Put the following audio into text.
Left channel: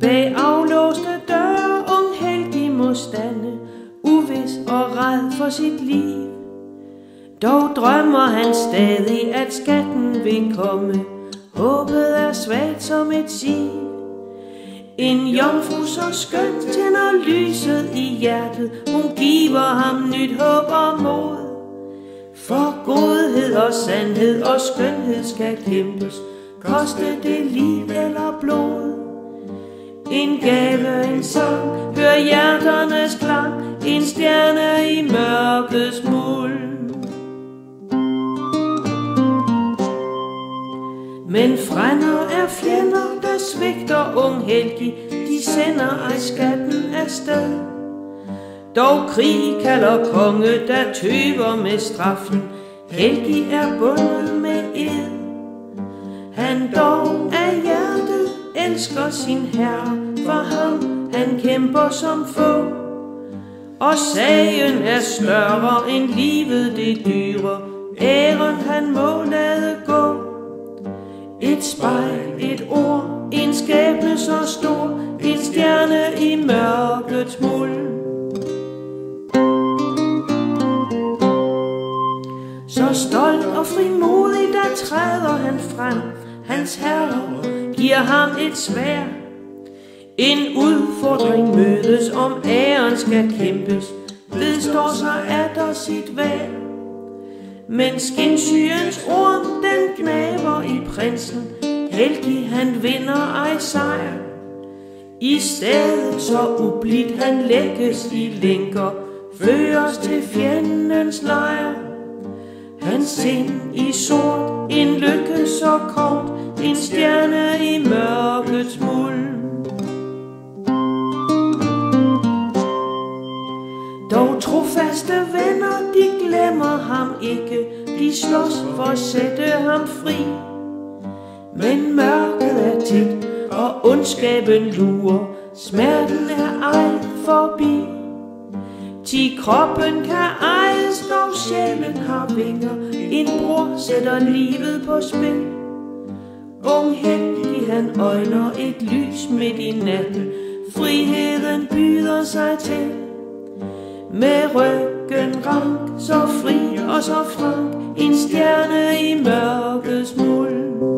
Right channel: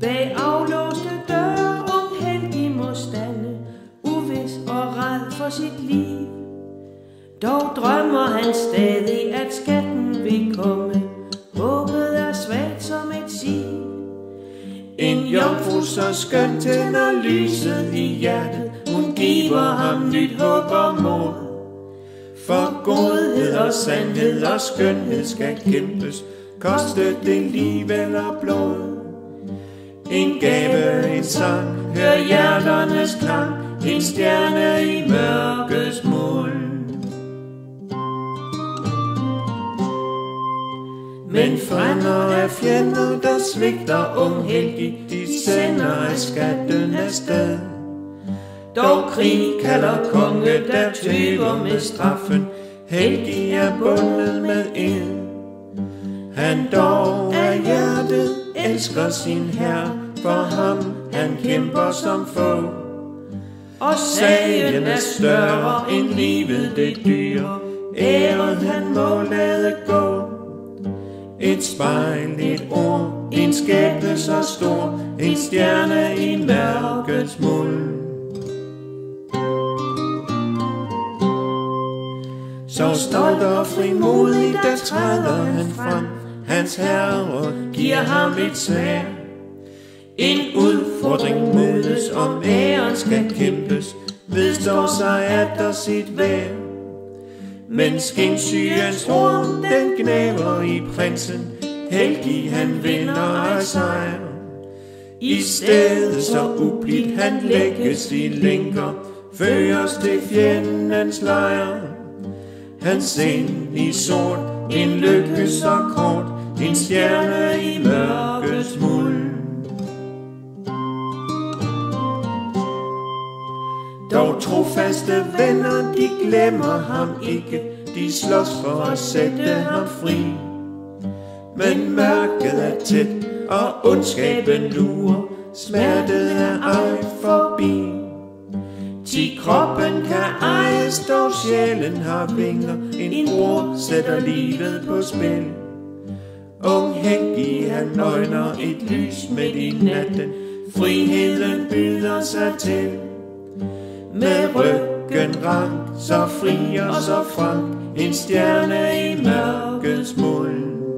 Bag aflåste døre ung Helgi må stande, uvis og ræd for sit liv. Dog drømmer han stadig, at skatten vil komme. Håbet er svagt som et siv. En jomfru så skøn tænder lyset i hjertet. Hun giver ham nyt håb og mod. For godhed og sandhed og skønhed skal kæmpes, koste det liv eller blod. En gave, en sang, hør hjerternes klang, en stjerne i mørkets mulm. Men frænder er fjender, der svigter ung Helgi, de sender ej skatten afsted. Dog krig kalder konge, der tøver med straffen, Helgi er bundet med ed. Han dog af hjertet elsker sin herre, for ham han kæmper som få. Og sagen er større end livet det dyre, æren han må lade gå. Et spejl, et ord, en skæbne så stor, en stjerne i mørkets mulm. Så stolt og frimodig, der træder han frem. Hans herre giver ham et sværd. En udfordring mødes, om æren skal kæmpes, vedstår sig atter sit værd. Men skinsygens orm, den gnaver i prinsen, Helgi han vinder ej sejr. I stedet så ublidt han lægges i lænker, føres til fjendens lejr. Hans sind i sort, en lykke så kort, en stjerne i mørkets mulm. Dog trofaste venner, de glemmer ham ikke, de slås for at sætte ham fri. Men mørket er tæt, og ondskaben lurer, smerten er ej forbi. Ti kroppen kan ejes, dog sjælen har vinger, en bror sætter livet på spil. Ung Helgi han øjner et lys midt i natten, friheden byder sig til. Med ryggen rank, så fri og så frank, en stjerne i mørkets mulm.